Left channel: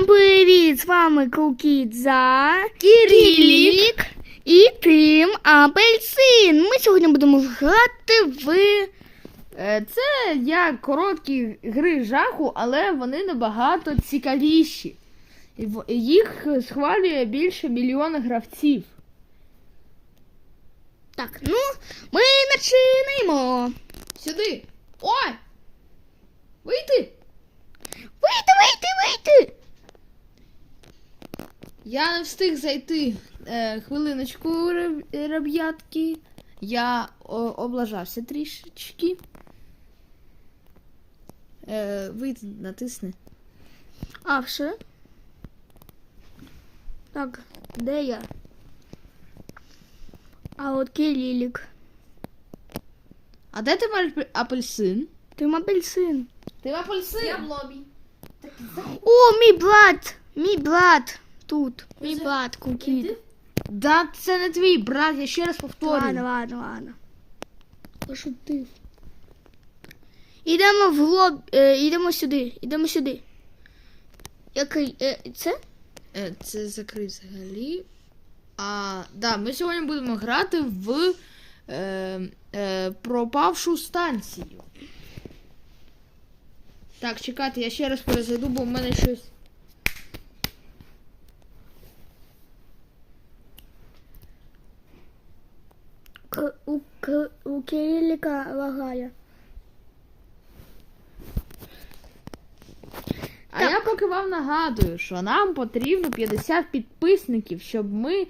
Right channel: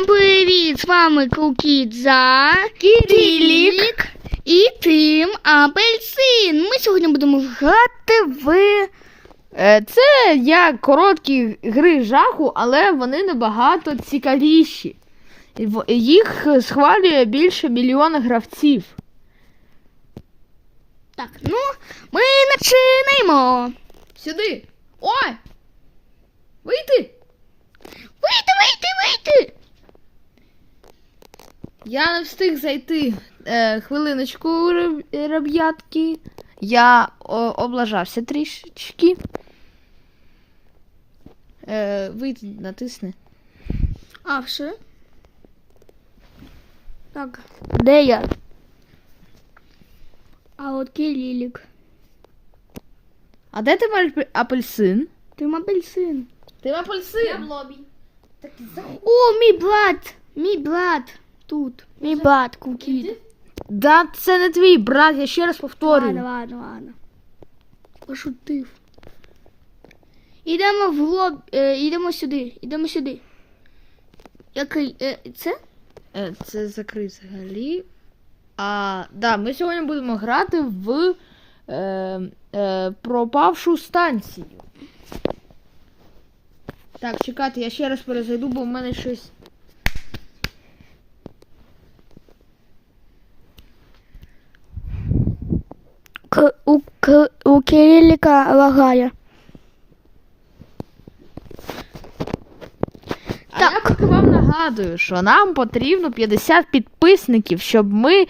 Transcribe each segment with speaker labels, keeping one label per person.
Speaker 1: Всім привіт! З вами Кукідза, Кирилік і Тим Апельсин. Ми сьогодні будемо грати в...
Speaker 2: Це як короткі гри жаху, але вони набагато цікавіші. Їх схвалює більше мільйона гравців.
Speaker 1: Так, ну, ми починаємо.
Speaker 2: Сюди! О! Вийти!
Speaker 1: Вийти!
Speaker 2: Я не встиг зайти. Хвилиночку, ребятки. Я облажався трішечки. Вийти, натисни.
Speaker 1: А, все? Так, де я? А от Кирилік.
Speaker 2: А де ти апельсин?
Speaker 1: Тим Апельсин.
Speaker 2: Ти апельсин?
Speaker 3: Я в лобі.
Speaker 1: О, мій брат тут. Мій брат Кукід.
Speaker 2: Да, це не твій брат, я ще раз повторюю.
Speaker 1: Ладно. Пошутив. Ідемо в ідемо сюди. Який, це?
Speaker 2: Це закрив взагалі. Да, ми сьогодні будемо грати в пропавшу станцію. Так, чекайте, я ще раз перезайду, бо в мене щось...
Speaker 1: У Кириліка лагає.
Speaker 2: Я поки вам нагадую, що нам потрібно 50 підписників, щоб ми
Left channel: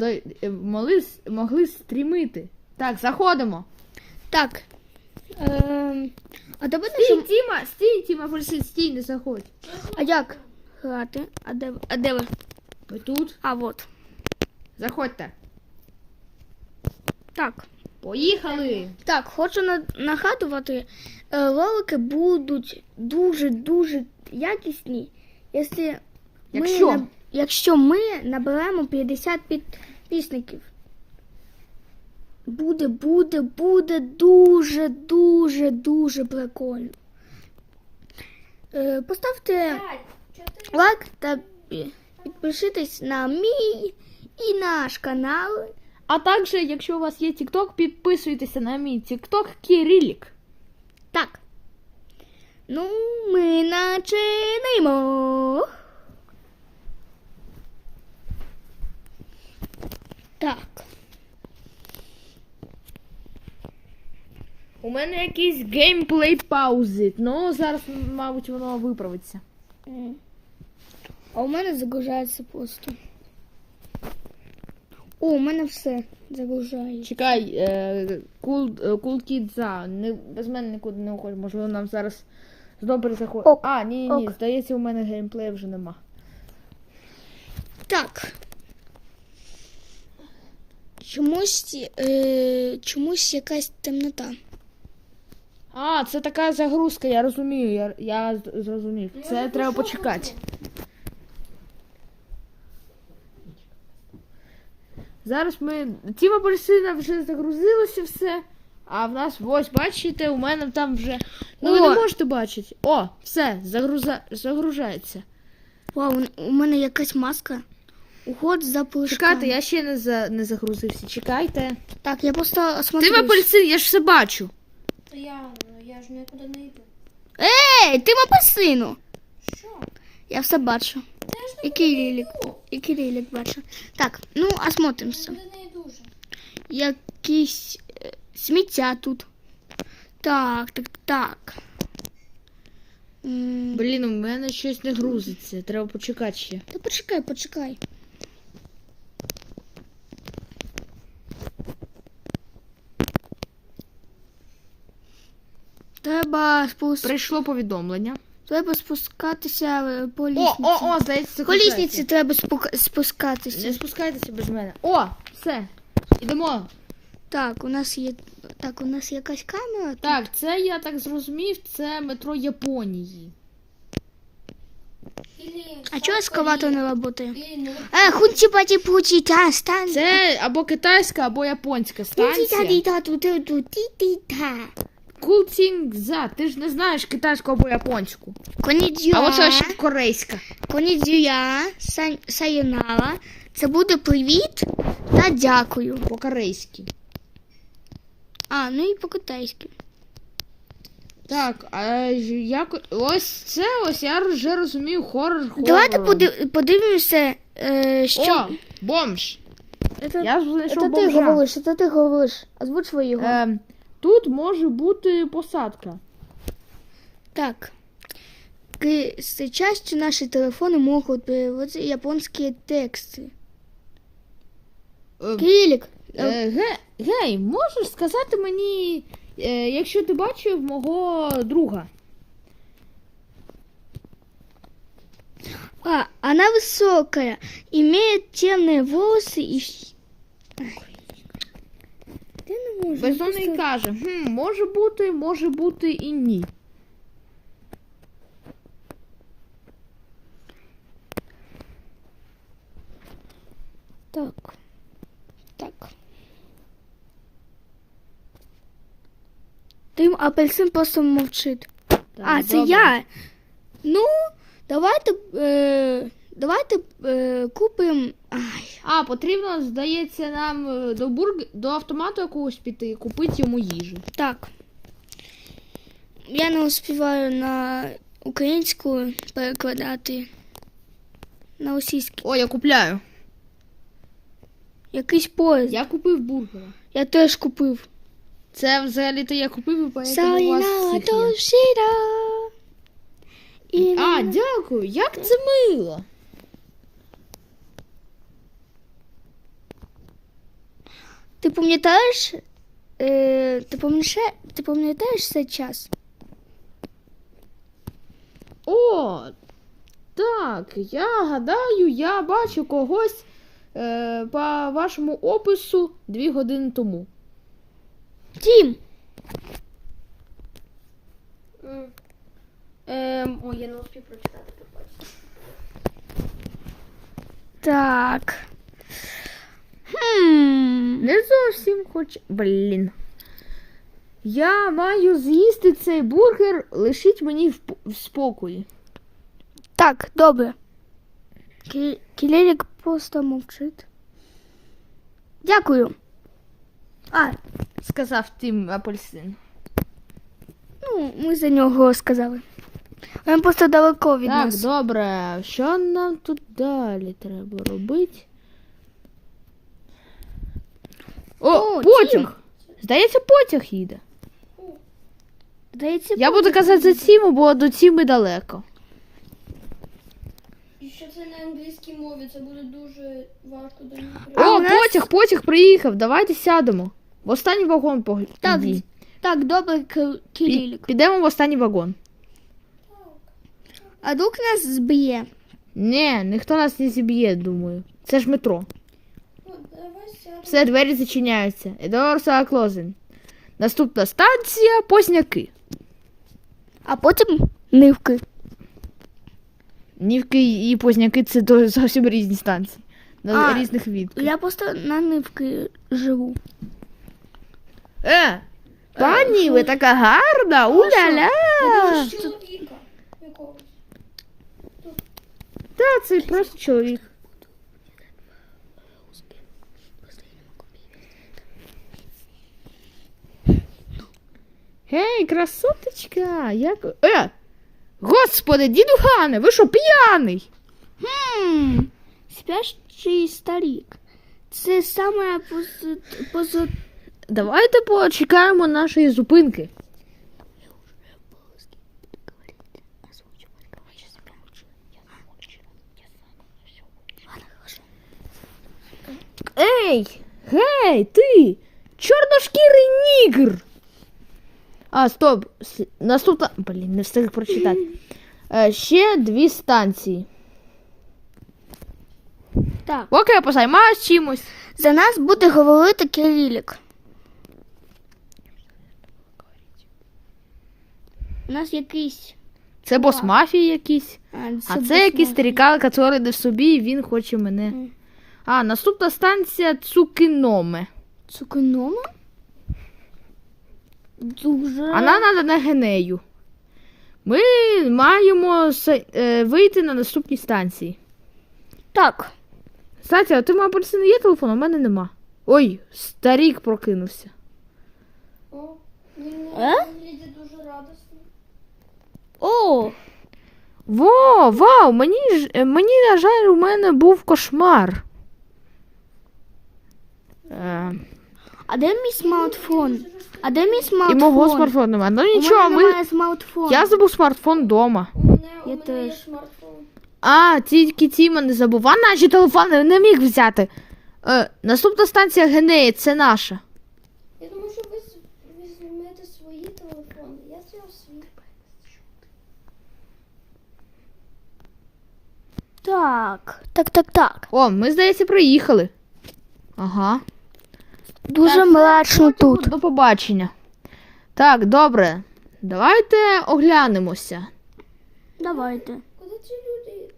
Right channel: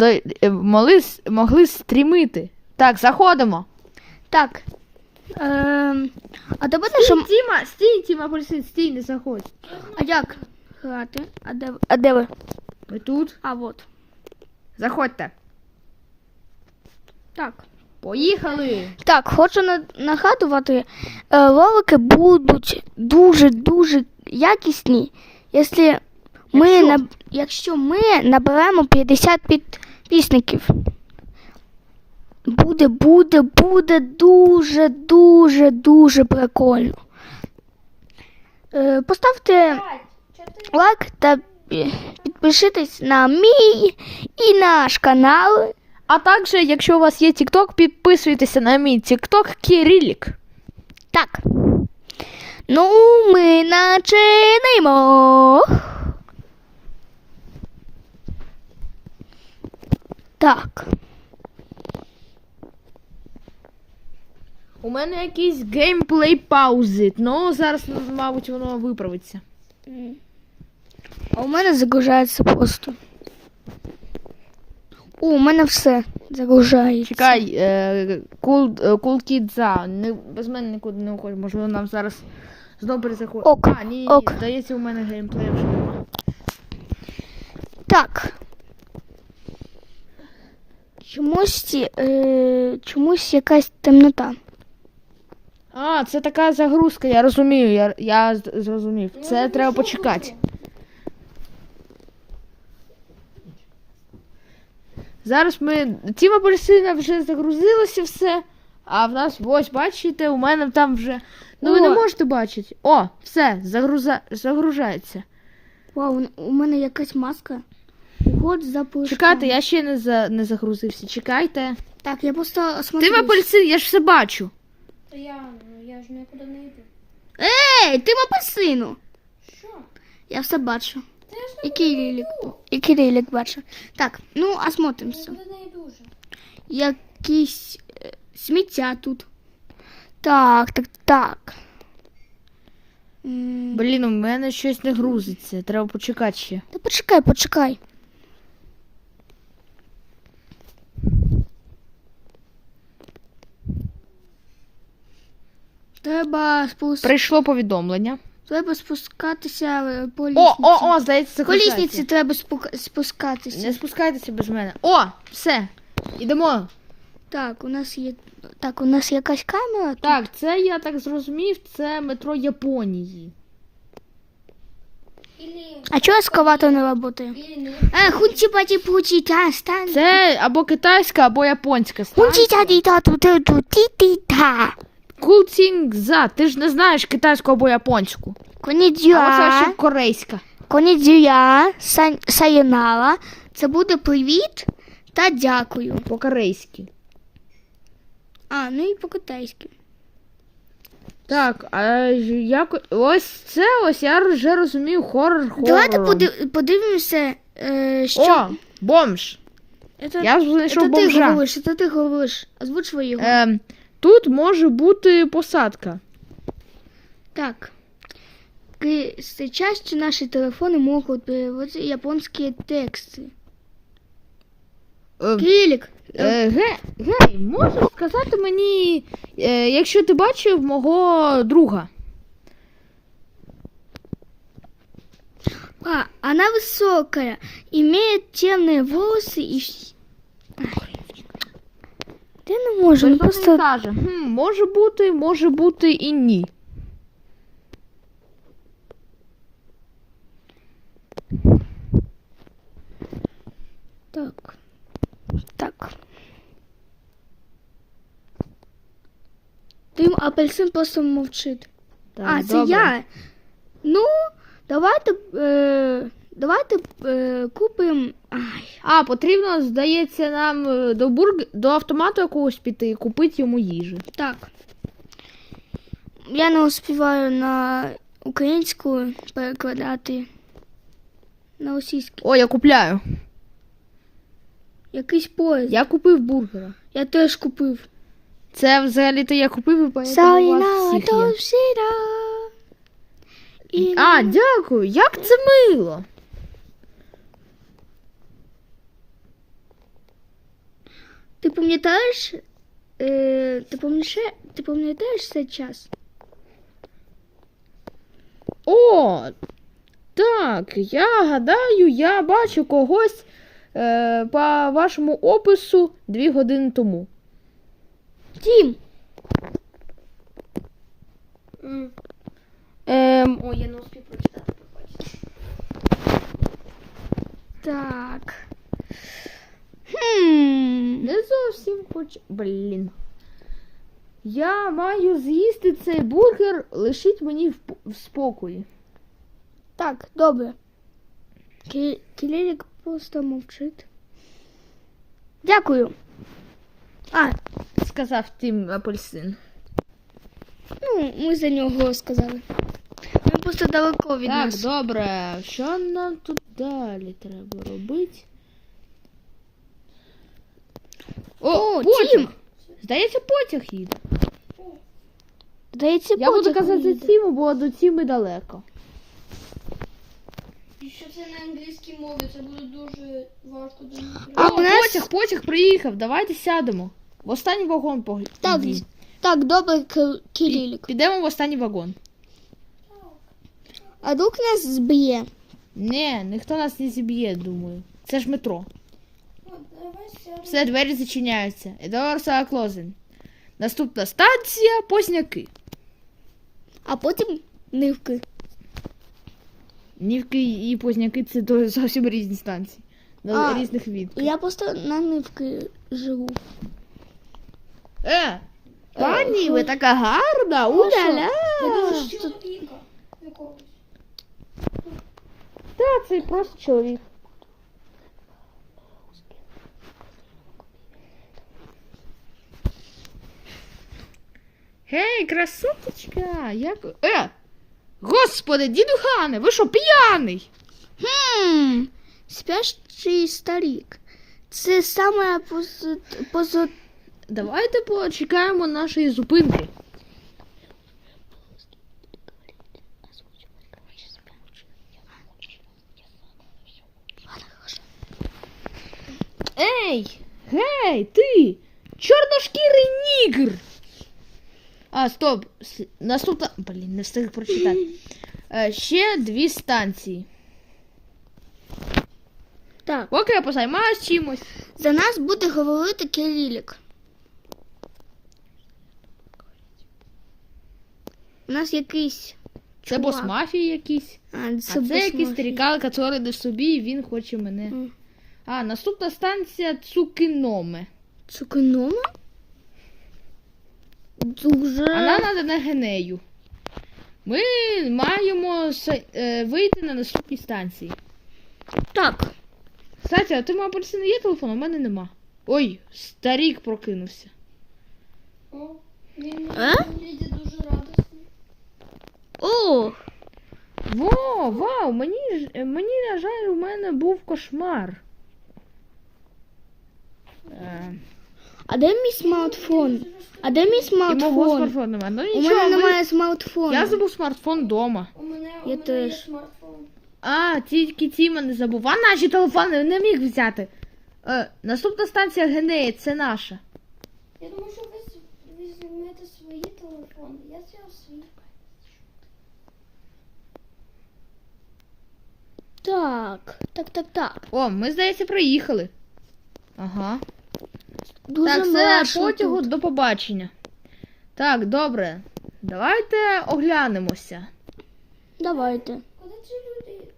Speaker 2: могли стрімити. Так, заходимо.
Speaker 1: Так. А давайте, що...
Speaker 2: Тіма, Апельсин, стій, не заходь.
Speaker 1: А як грати? А де ви?
Speaker 2: Ми тут.
Speaker 1: А, вот.
Speaker 2: Заходьте.
Speaker 1: Так.
Speaker 2: Поїхали.
Speaker 1: Так, хочу нагадувати, ролики будуть дуже якісні, якщо ми наберемо 50 підписників. Буде дуже прикольно. Поставте лайк та підпишитесь на мій і наш канал.
Speaker 2: А також, якщо у вас є TikTok, підписуйтеся на мій TikTok Кирилік.
Speaker 1: Так. Ну, ми починаємо. Так.
Speaker 2: У мене якийсь геймплей паузи. Ну, зараз, мабуть, воно виправиться.
Speaker 1: А у мене загружається просто. О, у мене все загружається.
Speaker 2: Чекай, Кукідза. Без мене нікуди не уходить. Можливо, нам зараз знову перезаходить.
Speaker 1: Ок,
Speaker 2: Ні.
Speaker 1: ок.
Speaker 2: Здається, у мене геймплею вже нема.
Speaker 1: Так. Чомусь якась темнота.
Speaker 2: Це така загрузка, я розумію, я зрозумів. Це треба почекати. Зараз Тіма Апельсина вже загрузилося все, а в нас, ось, бачите, у мене там вже... Ну, ви не можете бачити. О, все, загружається.
Speaker 1: Вау, у мене якась маска. Уход за пушками.
Speaker 2: Чекайте, я ще не загрузився, чекайте.
Speaker 1: Так, я просто осмотрюсь.
Speaker 2: Тіма Апельсин, я ж все бачу.
Speaker 3: Я ж нікуди не йду.
Speaker 1: Тима Апельсину.
Speaker 3: Що?
Speaker 1: Я все бачу.
Speaker 3: Я ж
Speaker 1: І Кирилік бачу. Так, ну, осмотримося.
Speaker 3: нікуди не йду вже.
Speaker 1: Якісь сміття тут. Так.
Speaker 2: Блін, у мене щось не грузиться, треба почекати ще.
Speaker 1: Та почекай.
Speaker 2: Прийшло повідомлення.
Speaker 1: Треба спускатися по лісниці.
Speaker 2: Здається,
Speaker 1: По лісниці треба спускатися.
Speaker 2: Не спускайтеся без мене. О, все, ідемо.
Speaker 1: Так, у нас якась камера.
Speaker 2: Так, це, я так зрозумів, це метро Японії.
Speaker 1: А чого ескаватор не працює? Хунчі-паті-пучі, та стань.
Speaker 2: Це або китайська, або японська станція.
Speaker 1: Хунчі-та-ті-та-ту-ту-ті-ті-та.
Speaker 2: Кукідза, ти ж не знаєш китайську або японську.
Speaker 1: Конідзюа.
Speaker 2: А оце ще корейська.
Speaker 1: Конідзюя, сайонара. Це буде привіт та дякую.
Speaker 2: По-корейськи.
Speaker 1: А, ну і по-китайськи.
Speaker 2: Так, а як... Ось це, ось я вже розумію хорор.
Speaker 1: Давайте подивимося, що...
Speaker 2: О, бомж. Я вже знайшов
Speaker 1: Це ти
Speaker 2: бомжа.
Speaker 1: говориш, це ти говориш. Озвучь його.
Speaker 2: Тут може бути посадка.
Speaker 1: Так. Сейчас наши телефоны могут переводить японские тексты. Кирилик,
Speaker 2: Гей, можеш сказати мені, якщо ти бачив мого друга?
Speaker 1: она высокая, имеет темные волосы и... Ти не можу,
Speaker 2: Хтось
Speaker 1: просто...
Speaker 2: каже, може бути і ні.
Speaker 1: Так. Так. Тим апельсин просто мовчить.
Speaker 2: Так,
Speaker 1: Це
Speaker 2: добре.
Speaker 1: я. Ну, давайте купимо.
Speaker 2: Потрібно, здається, нам до автомату якогось піти і купити йому їжу.
Speaker 1: Так. Я не успіваю на українську перекладати на російську.
Speaker 2: О, я купляю.
Speaker 1: Якийсь поїзд.
Speaker 2: Я купив бургера.
Speaker 1: Я теж купив.
Speaker 2: Це взагалі-то я купив, і поэтому у вас всіх є. Дякую. Як це мило.
Speaker 1: Ти пам'ятаєш? Ти пам'ятаєш цей час?
Speaker 2: О, так, я гадаю, я бачу когось по вашому опису 2 години тому.
Speaker 1: Тім!
Speaker 3: Ой, я не успів прочитати, побачити.
Speaker 1: Так.
Speaker 2: Не зовсім хочу. Блін. Я маю з'їсти цей бургер, лишіть мені в спокої.
Speaker 1: Так, добре. Кілерік просто мовчить. Дякую.
Speaker 2: Сказав Тім апельсин.
Speaker 1: Ну, ми за нього сказали. Нам просто далеко від
Speaker 2: Так,
Speaker 1: нас.
Speaker 2: добре. Що нам тут далі треба робити? О, потяг!
Speaker 1: Тім!
Speaker 2: Здається, потяг їде.
Speaker 1: Здається,
Speaker 2: Я буду
Speaker 1: потяг
Speaker 2: казати за
Speaker 1: їде.
Speaker 2: Тіму, бо до Тіми далеко.
Speaker 3: Якщо це на англійській мові, це буде дуже важко до них.
Speaker 1: А у нас-
Speaker 2: Потяг приїхав, давайте сядемо. В останній вагон
Speaker 1: Так, так, добре, Кирилік.
Speaker 2: Підемо в останній вагон.
Speaker 1: А друг нас зб'є.
Speaker 2: Ні, ніхто нас не зіб'є, думаю. Це ж метро.
Speaker 3: Давай сядемо.
Speaker 2: Все, двері зачиняються. Doors are closing. Наступна станція Позняки.
Speaker 1: А потім нивки.
Speaker 2: Нівки і Позняки це зовсім різні станції. На різних відках.
Speaker 1: Я просто на нивки живу.
Speaker 2: Пані, ви така гарна, уля-ля.
Speaker 3: Чоловіка якогось.
Speaker 2: Та, це просто чоловік. Гей, красоточка, як... Господи, діду Гане, ви що, п'яний?
Speaker 1: Спящий старик. Це саме
Speaker 2: Давайте почекаємо нашої зупинки. Ей, гей, ти, чорношкірий нігр. Стоп, наступна, не встиг прочитати. Ще 2 станції.
Speaker 1: Так.
Speaker 2: Поки я позаймаюсь чимось.
Speaker 1: За нас буде говорити Кирилік. У нас якийсь...
Speaker 2: Це бос мафії якийсь. А це якийсь старікан, який не в собі, і він хоче мене. Наступна станція Цукиноме.
Speaker 1: Цукиноме? Дуже...
Speaker 2: А нам треба на Генею. Ми маємо вийти на наступній станції.
Speaker 1: Так.
Speaker 2: Кстати, а ти мав апельсин, є телефон, а в мене нема. Ой, старік прокинувся.
Speaker 3: О, він
Speaker 1: А?
Speaker 3: виглядає дуже радісний.
Speaker 1: О,
Speaker 2: Вау, мені, на жаль, у мене був кошмар.
Speaker 1: а де мій смартфон? А де мій
Speaker 2: І
Speaker 1: смартфон?
Speaker 2: мого смартфону немає. Ну
Speaker 1: У
Speaker 2: нічого,
Speaker 1: мене немає смартфону.
Speaker 2: я забув смартфон вдома.
Speaker 3: У мене є
Speaker 1: теж.
Speaker 3: смартфон.
Speaker 2: А, тільки Тіма не забув. А наші телефони не міг взяти. Наступна станція Генеї, це наша.
Speaker 3: Я думаю, що ви візьмете свої телефони. Я взяв свій.
Speaker 1: Так.
Speaker 2: О, ми, здається, приїхали. Ага.
Speaker 1: Дуже
Speaker 2: Так, все,
Speaker 1: мрачно
Speaker 2: потягу,
Speaker 1: тут.
Speaker 2: до побачення. Так, добре. Давайте оглянемося.
Speaker 1: Давайте.
Speaker 3: Куди ці люди?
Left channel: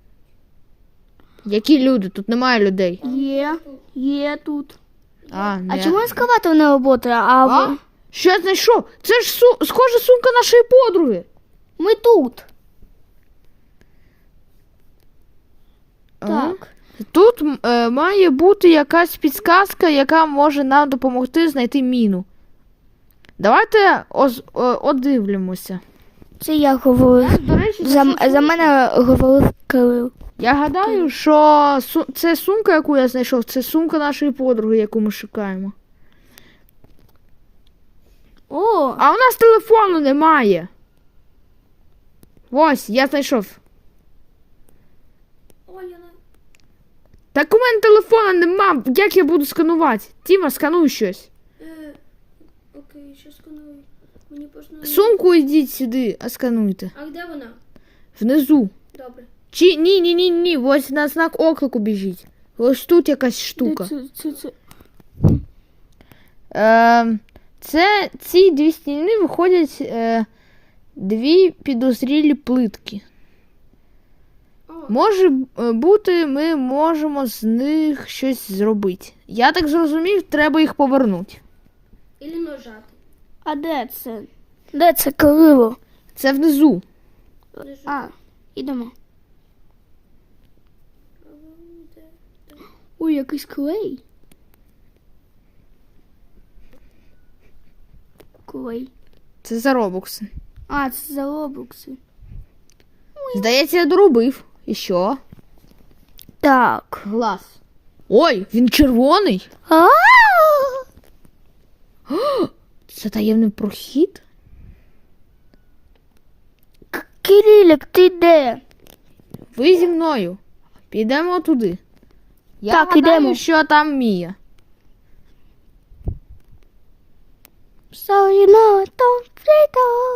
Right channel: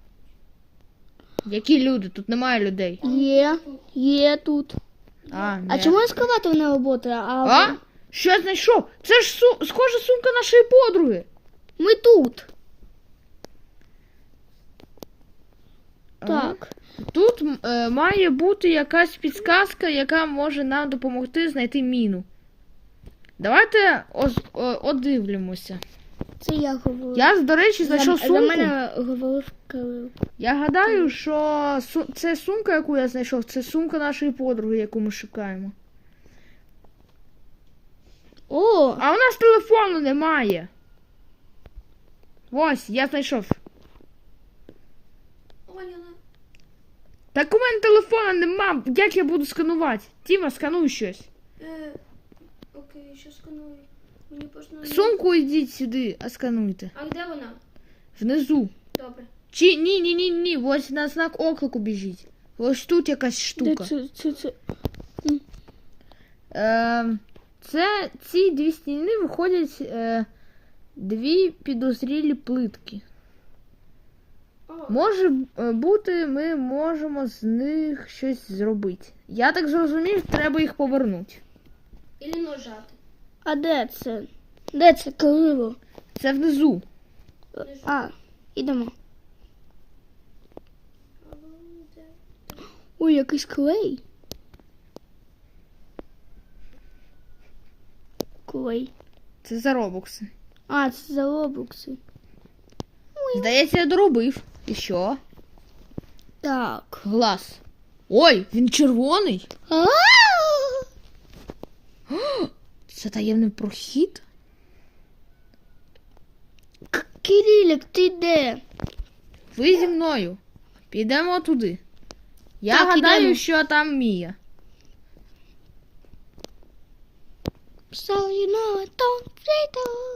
Speaker 2: Які люди? Тут немає людей.
Speaker 1: Є тут.
Speaker 2: А,
Speaker 1: А
Speaker 2: ні.
Speaker 1: чому ескаватор не працює?
Speaker 2: А? Що я знайшов? Це ж схожа сумка нашої подруги.
Speaker 1: Ми тут.
Speaker 2: Ага.
Speaker 1: Так.
Speaker 2: Тут має бути якась підсказка, яка може нам допомогти знайти міну. Давайте одивлюємося.
Speaker 1: Це я говорив.
Speaker 2: Я, до речі, знайшов сумку.
Speaker 1: За мене говорив Кирил.
Speaker 2: Я гадаю, що це сумка, яку я знайшов, це сумка нашої подруги, яку ми шукаємо.
Speaker 1: О,
Speaker 2: А у нас телефону немає. Ось, я знайшов.
Speaker 3: Ой, вона.
Speaker 2: Так у мене телефона нема. Як я буду сканувати? Тіма, скануй щось.
Speaker 3: Окей, що сканую? Мені просто...
Speaker 2: Сумку йдіть сюди, а скануйте.
Speaker 3: А де вона?
Speaker 2: Внизу.
Speaker 3: Добре.
Speaker 2: Чи ні. Ось на знак оклику біжіть. Ось тут якась штука. Ці дві стіни виходять дві підозрілі плитки. Може бути, ми можемо з них щось зробити. Я так зрозумів, треба їх повернути.
Speaker 3: Ілі нажати.
Speaker 1: А де це? Де це Кирило?
Speaker 2: Це внизу.
Speaker 1: А, ідемо. Ой, якийсь клей. Клей.
Speaker 2: Це за робокси.
Speaker 1: А, це за робокси.
Speaker 2: Здається, я доробив. І що?
Speaker 1: Так.
Speaker 2: Глаз. Ой, він червоний.
Speaker 1: А!
Speaker 2: Це таємний прохід?
Speaker 1: Кирилик, ти де?
Speaker 2: Ви зі мною. Підемо туди. Я
Speaker 1: Так,
Speaker 2: гадаю,
Speaker 1: ідемо.
Speaker 2: що там Мія.
Speaker 1: So you know it don't fit all.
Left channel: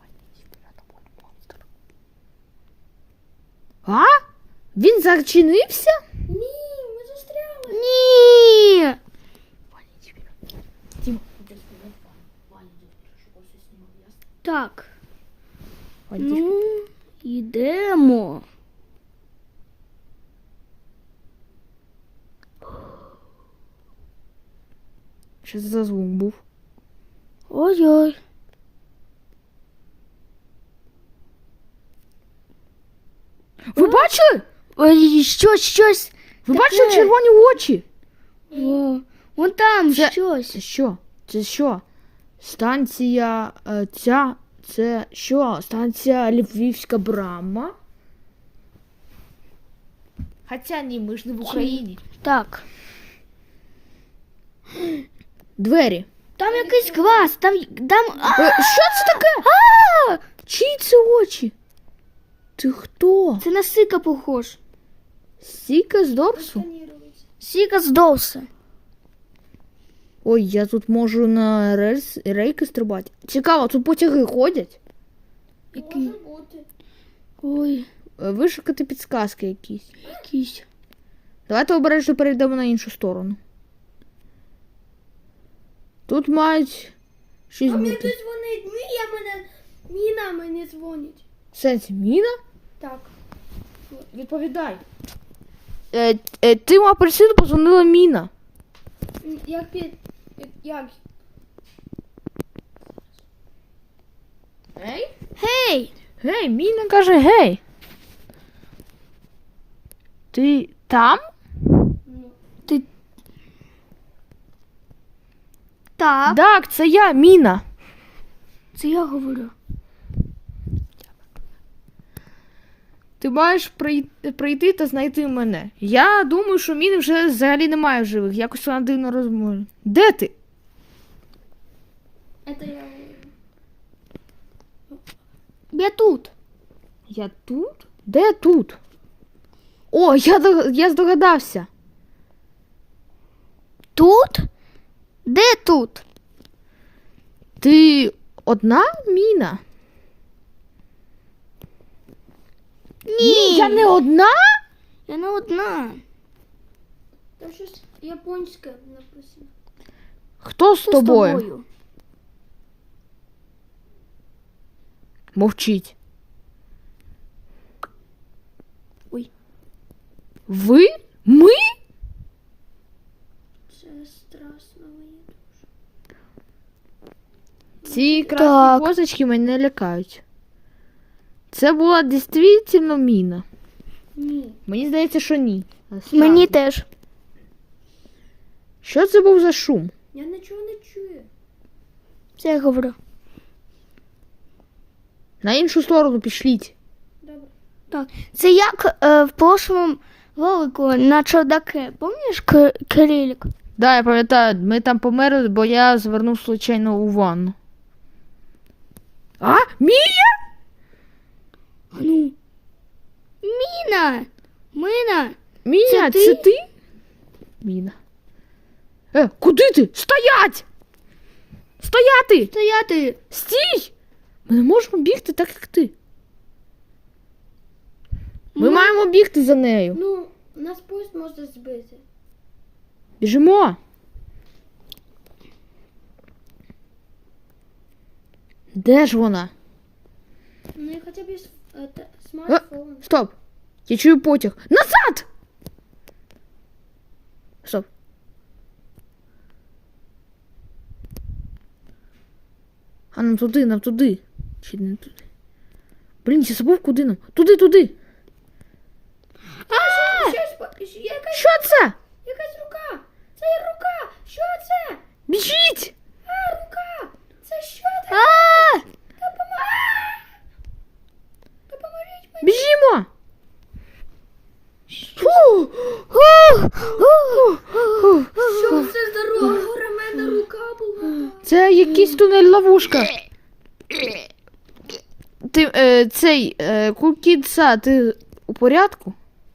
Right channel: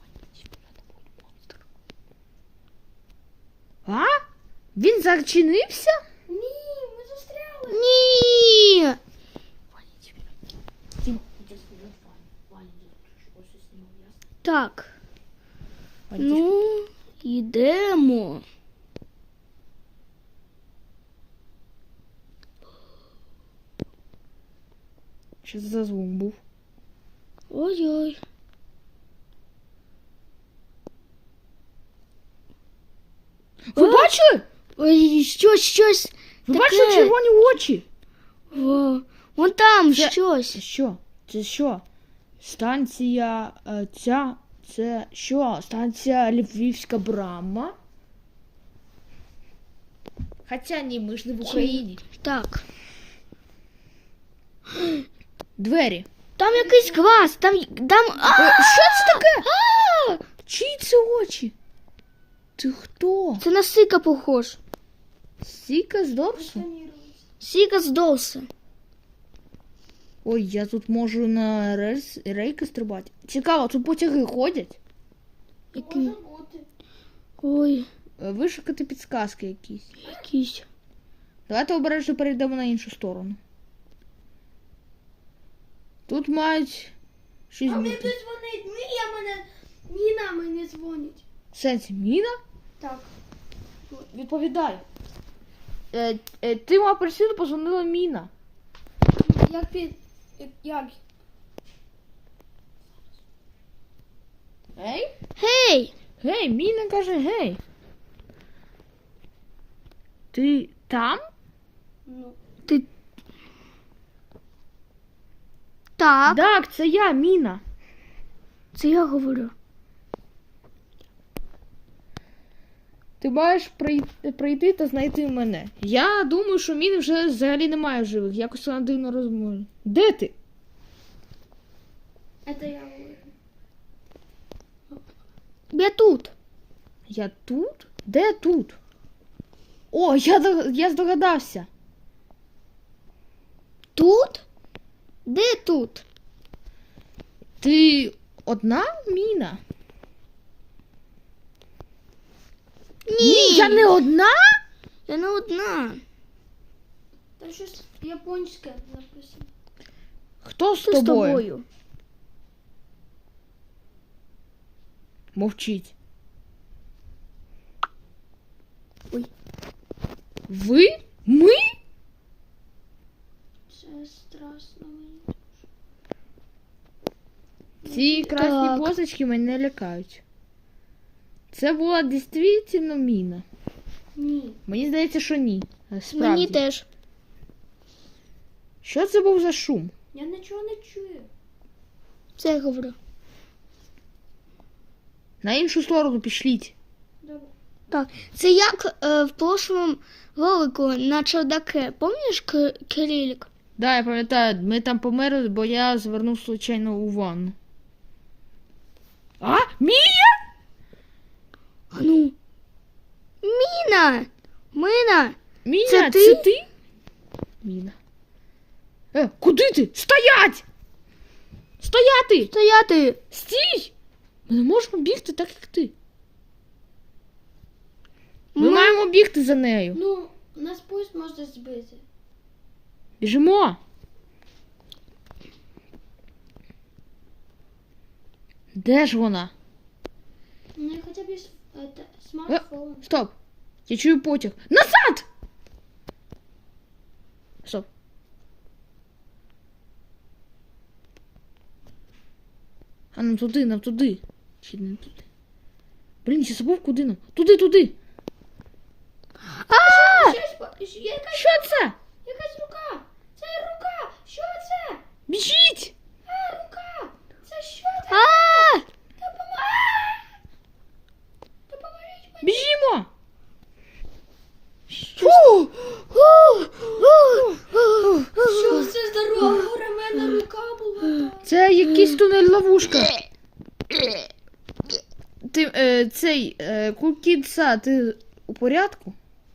Speaker 2: А? Він зачинився?
Speaker 3: Ні, ми застряли.
Speaker 1: Ні. Так. Ну, йдемо.
Speaker 2: Що це за звук був?
Speaker 1: Ой-ой.
Speaker 2: Ви бачили?
Speaker 1: Ой, щось.
Speaker 2: Ви
Speaker 1: таке.
Speaker 2: бачили червоні очі?
Speaker 1: О, вон там
Speaker 2: Це-
Speaker 1: щось.
Speaker 2: Це що? Це що? Станція ця. Це що? Станція Львівська брама? Хоча ні, ми ж не в Україні.
Speaker 1: Так.
Speaker 2: Двері.
Speaker 1: Там якийсь клас, там.
Speaker 2: Що це таке?
Speaker 1: А!
Speaker 2: Чиї це очі? Ти хто?
Speaker 1: Це на Сика похож.
Speaker 2: Сіка з Дорсу?
Speaker 1: Сика здовся.
Speaker 2: Ой, я тут можу на рейки стрибати. Цікаво, тут потяги ходять?
Speaker 3: Може бути.
Speaker 1: Ой,
Speaker 2: Вишукати підсказки якісь.
Speaker 1: якийсь.
Speaker 2: Давайте обережно перейдемо на іншу сторону. Тут мають щось
Speaker 3: А мені
Speaker 2: бути.
Speaker 3: хтось дзвонить. Ніна мені дзвонить.
Speaker 2: В сенсі, міна?
Speaker 3: Так.
Speaker 2: Відповідай. Тим апельсину позвонила міна.
Speaker 3: Як?
Speaker 2: Ей?
Speaker 1: Гей!
Speaker 2: Гей, Міна каже гей. Ти там?
Speaker 3: Ну,
Speaker 1: Ти... Так,
Speaker 2: Так, це я, Міна.
Speaker 1: це я говорю.
Speaker 2: Ти маєш прийти та знайти мене. Я думаю, що Міни вже взагалі немає в живих. Якось вона дивно розмовляє. Де ти?
Speaker 3: это я говорю.
Speaker 1: Я тут.
Speaker 2: Я тут? Де тут? О, я здогадався.
Speaker 1: Тут? Де тут?
Speaker 2: Ти одна, Міна?
Speaker 1: Ні.
Speaker 2: Я не одна?
Speaker 1: Я не одна.
Speaker 3: Там щось японське написано.
Speaker 2: Хто з
Speaker 1: Хто з
Speaker 2: тобою?
Speaker 1: тобою?
Speaker 2: Мовчіть.
Speaker 1: Ой.
Speaker 2: Ви? Ми?
Speaker 3: Це страшно мені.
Speaker 2: Ці красні
Speaker 1: Так.
Speaker 2: позначки мене лякають. Це була дійсно Міна.
Speaker 3: Ні.
Speaker 2: Мені здається, що ні. Справді.
Speaker 1: Мені теж.
Speaker 2: Що це був за шум?
Speaker 3: Я нічого не чую.
Speaker 1: Це я говорю.
Speaker 2: На іншу сторону пішліть.
Speaker 3: Добре.
Speaker 1: Так, це як в прошлому ролику на чердаке. Пам'ятаєш Кирилік?
Speaker 2: Да, я пам'ятаю, ми там померли, бо я звернув случайно у ванну. А? Мія?
Speaker 1: А ну. Міна! Мина!
Speaker 2: Міня,
Speaker 1: Це
Speaker 2: це
Speaker 1: ти?
Speaker 2: ти? Міна. Куди ти? Стоять! Стояти!
Speaker 1: Стояти!
Speaker 2: Стій! Ми не можемо бігти так, як ти. Ми маємо бігти за нею.
Speaker 3: Ну, нас поїзд може збити.
Speaker 2: Біжимо. Де ж вона?
Speaker 3: Ну, я хоча б смартфон.
Speaker 2: Стоп. Я чую потяг. Назад! Стоп. А нам туди. Чи не туди? Блін, я забув, куди нам? Туди. Що це?
Speaker 3: Якась рука! Це рука! Що це?
Speaker 2: Біжіть!
Speaker 3: Рука! Це що таке?
Speaker 1: А!
Speaker 3: Допоможіть мені!
Speaker 2: Біжімо! Фу!
Speaker 3: Що це за рука? Ременна рука була.
Speaker 2: Це якийсь тунель-ловушка. Ти, Кукідса, ти у порядку?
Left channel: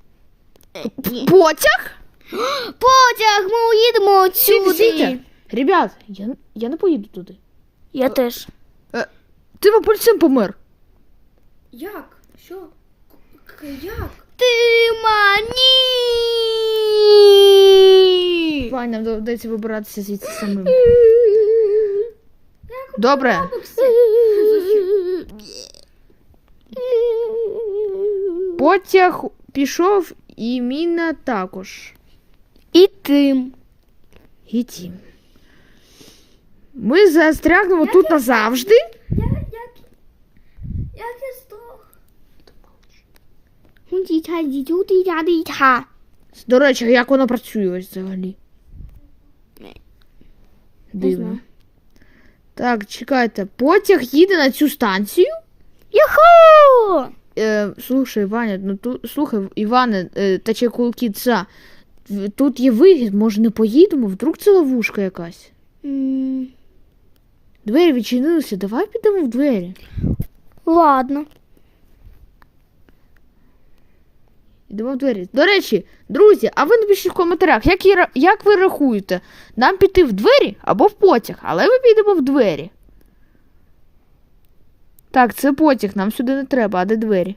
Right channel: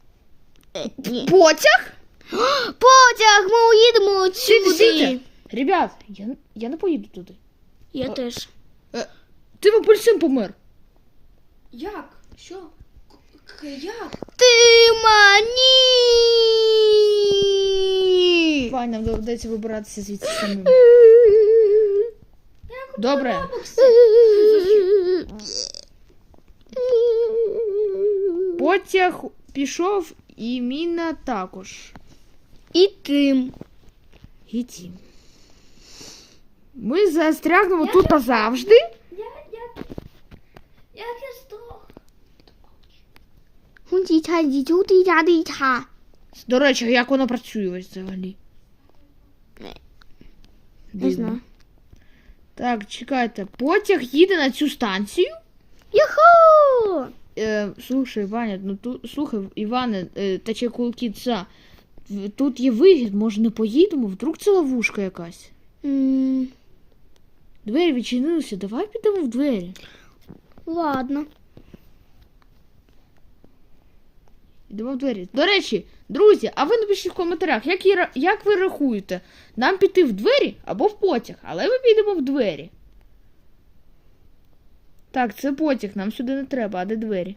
Speaker 2: Потяг?
Speaker 1: Потяг! Ми уїдемо
Speaker 2: Сидіть.
Speaker 1: отсюди!
Speaker 2: Ребят, я не поїду туди.
Speaker 1: Я теж.
Speaker 2: Ти в апельсин помер.
Speaker 3: Як? Що? Як?
Speaker 1: Ти мані!
Speaker 2: Давай, нам доведеться вибиратися звідси самим. Добре. Потяг пішов і Міна також.
Speaker 1: І тим.
Speaker 2: І тім. Ми застрягнемо тут назавжди.
Speaker 3: Як я здох?
Speaker 1: Дітя.
Speaker 2: До речі, як воно працює ось взагалі?
Speaker 1: Не
Speaker 2: Дивно.
Speaker 1: знаю.
Speaker 2: Так, чекайте. Потяг їде на цю станцію.
Speaker 1: Юху!
Speaker 2: Слушай, Ваня, слухай, Іване, та Чекулкіца, тут є вихід, може не поїдемо? Вдруг це ловушка якась? Двері відчинилися, давай підемо в двері.
Speaker 1: Ладно.
Speaker 2: Йдемо в двері. До речі, друзі, а ви напишіть в коментарях, як ви рахуєте, нам піти в двері або в потяг, але ми підемо в двері. Так, це потяг, нам сюди не треба, а де двері?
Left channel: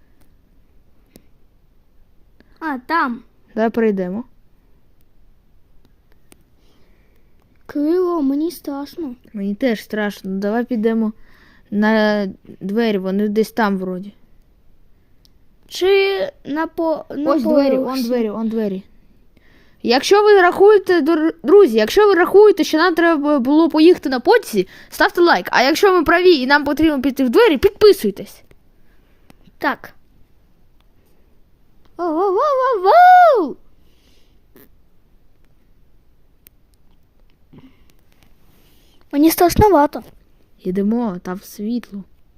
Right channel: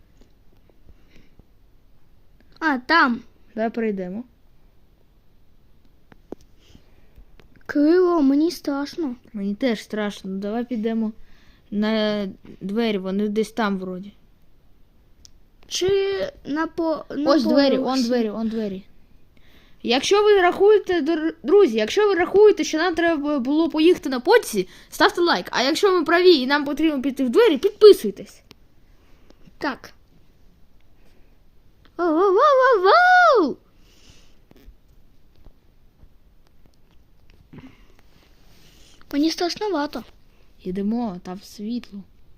Speaker 1: А, там.
Speaker 2: Давай перейдемо.
Speaker 1: Кирило, мені страшно.
Speaker 2: Мені теж страшно, давай підемо на двері, вони десь там вроді.
Speaker 1: Чи на
Speaker 2: Ось двері,
Speaker 1: поверсі?
Speaker 2: он двері. Якщо ви рахуєте, друзі, якщо ви рахуєте, що нам треба було поїхати на потязі, ставте лайк. А якщо ми праві і нам потрібно піти в двері, підписуйтесь.
Speaker 1: Так. Воу-воу-воу-воу! Мені страшновато.
Speaker 2: Йдемо, там світло.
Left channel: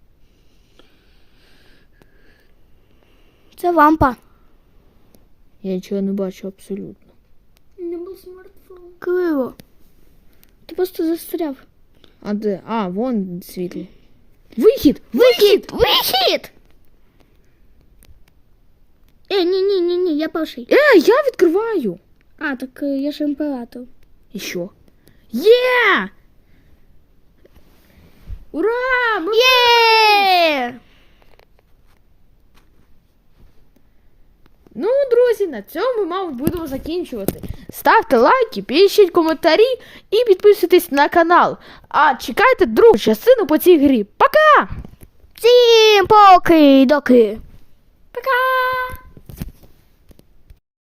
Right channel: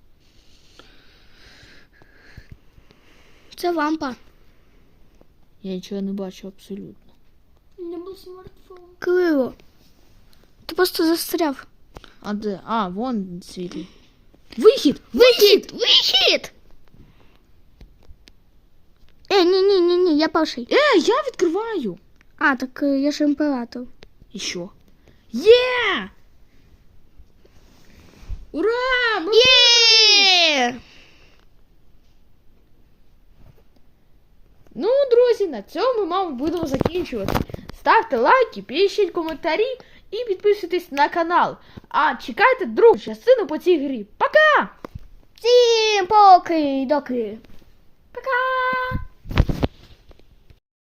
Speaker 1: Це лампа.
Speaker 2: Я нічого не бачу абсолютно.
Speaker 3: Не був смартфон.
Speaker 1: Криво. Ти просто застряв.
Speaker 2: А де? А, вон світло. Вихід! Вихід!
Speaker 1: Вихід! Ні, я перший.
Speaker 2: Я відкриваю.
Speaker 1: А, так я ж імператор.
Speaker 2: І що? Є! Ура! Ми...
Speaker 1: Є!
Speaker 2: Ну, друзі, на цьому, мабуть, будемо закінчувати. Ставте лайки, пишіть коментарі і підписуйтесь на канал. А чекайте другу частину по цій грі. Пока!
Speaker 1: Всім поки-доки. Пока!